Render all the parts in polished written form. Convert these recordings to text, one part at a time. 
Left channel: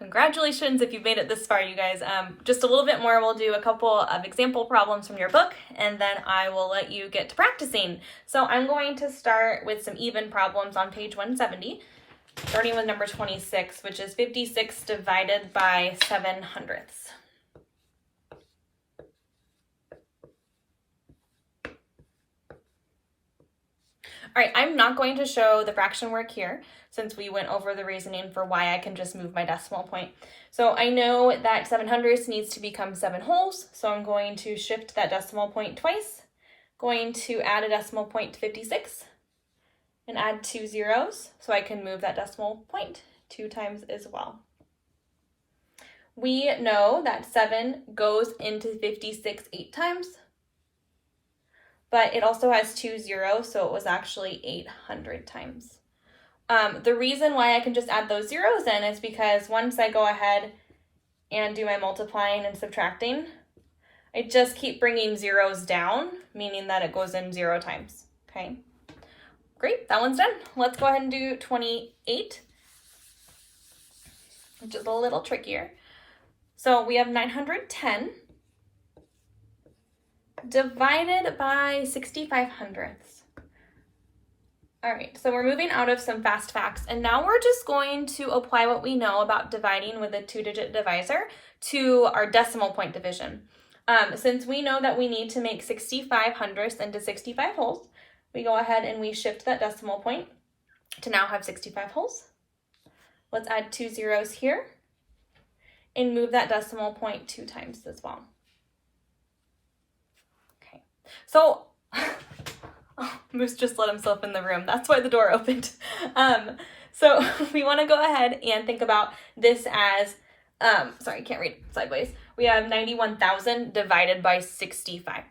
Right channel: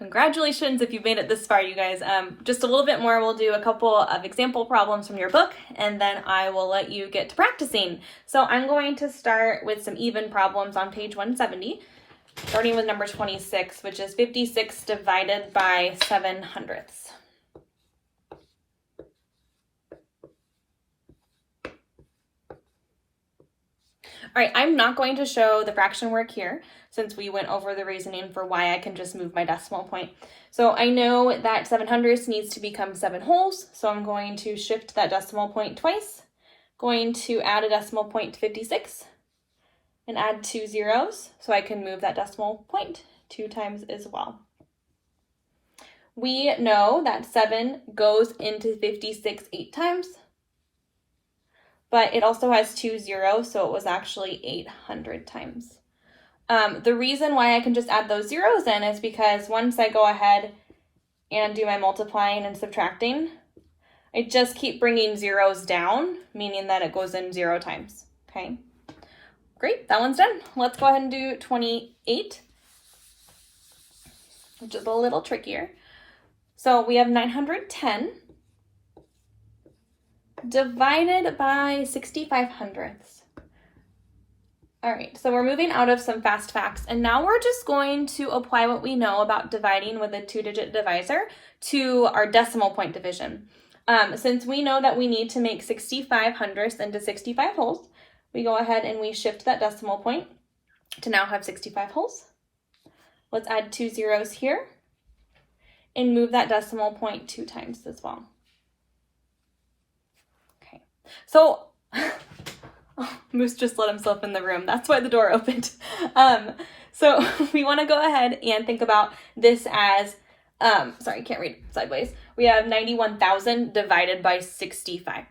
Congratulations if you've made it this far, you guys. Just a little bit more, we'll do a couple of example problems from your book, and then I will let you get to practicing. So I'm going to start with some even problems on page 170, starting with number 26, which is 56 divided by 7/100. All right, I'm not going to show the fraction work here since we went over the reasoning for why I can just move my decimal point. So I know that 7/100 needs to become 7 wholes, so I'm going to shift that decimal point twice, going to add a decimal point to 56, and add 2 zeros, so I can move that decimal point 2 times as well. We know that 7 goes into 56 8 times, but it also has 2 zeros, so it was actually 800 times. The reason why I can just add those zeros in is because once I go ahead and do my multiplying and subtracting, I just keep bringing zeros down, meaning that it goes in 0 times, okay? Great, that one's done. Let's go ahead and do 28, which is a little trickier. So we have 910 divided by 65/100. All right, so we're moving out of some fast facts, and now we're just going to apply what we know about dividing with a 2-digit divisor to our decimal point division. Since we know that we need to make 65/100 into 65 wholes, we go ahead and we shift that decimal point to now have 65 wholes. Let's add 2 zeros here and move that decimal point 2 times as well. Okay, so Moose just let himself in the room. That's why the door opened. So we want to go ahead and think about this as, sorry, can't read sideways. We have 91,000 divided by 65.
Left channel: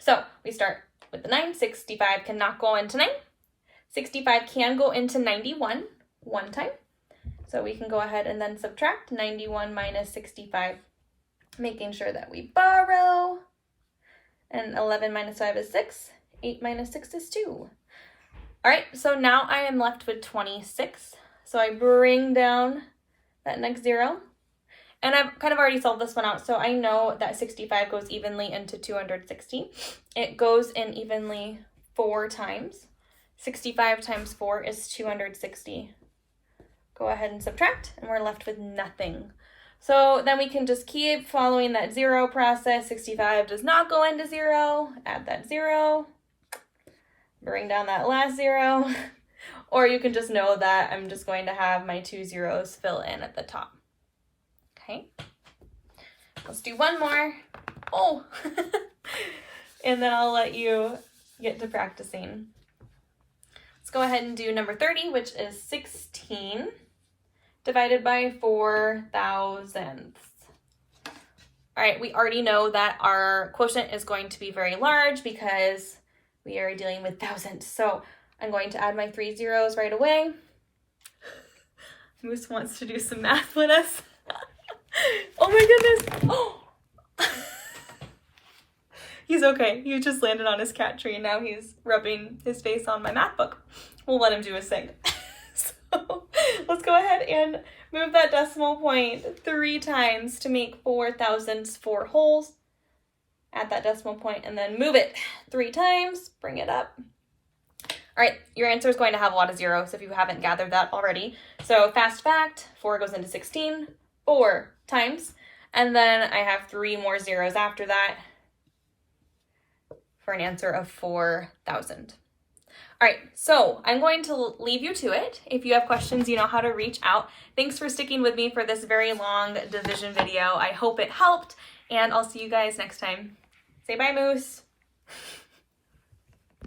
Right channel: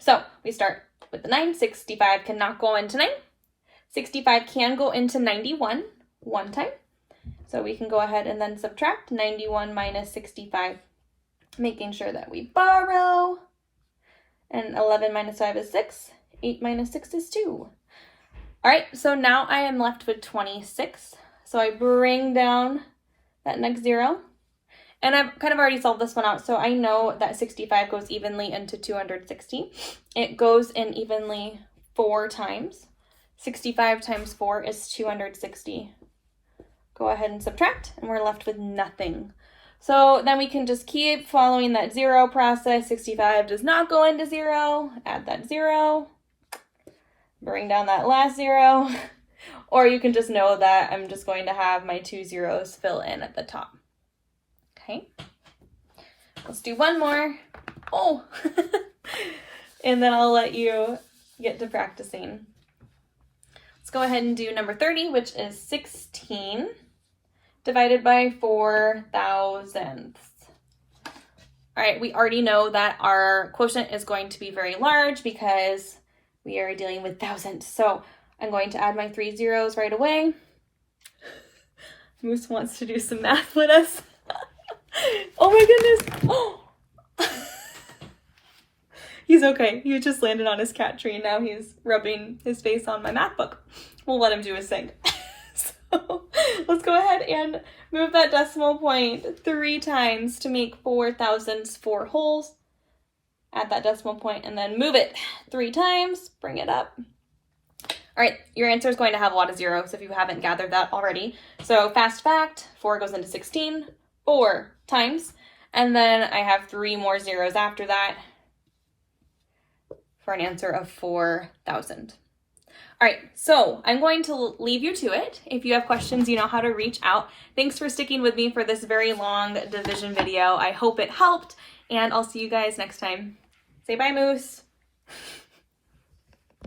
So we start with the 9. 65 cannot go into 9. 65 can go into 91 one time. So we can go ahead and then subtract 91 minus 65, making sure that we borrow. And 11 minus 5 is 6. 8 minus 6 is 2. All right, so now I am left with 26. So I bring down that next 0. And I've kind of already solved this one out, so I know that 65 goes evenly into 260. It goes in evenly 4 times. 65 times 4 is 260. Go ahead and subtract, and we're left with nothing. So then we can just keep following that 0 process. 65 does not go into 0. Add that 0. Bring down that last 0, or you can just know that I'm just going to have my 2 zeros fill in at the top. Okay, let's do one more. Oh, and then I'll let you get to practicing. Let's go ahead and do number 30, which is 16 divided by 4 thousandths. All right, we already know that our quotient is going to be very large because we are dealing with thousands. So I'm going to add my 3 zeros right away. Moose wants to do some math with us. Oh my goodness. Oh. He's okay. He just landed on his cat tree and now he's rubbing his face on my math book. We'll let him do his thing. So let's go ahead and move that decimal point 3 times to make 4 thousandths 4 wholes. Add that decimal point and then move it 3 times, bring it up. All right, your answer is going to have a lot of zeros if you haven't gathered that already. So fast fact, 4 goes into 16, 4 times, and then I have 3 more zeros after that for an answer of 4,000. All right, so I'm going to leave you to it. If you have questions, you know how to reach out. Thanks for sticking with me for this very long division video. I hope it helped, and I'll see you guys next time. Say bye, Moose.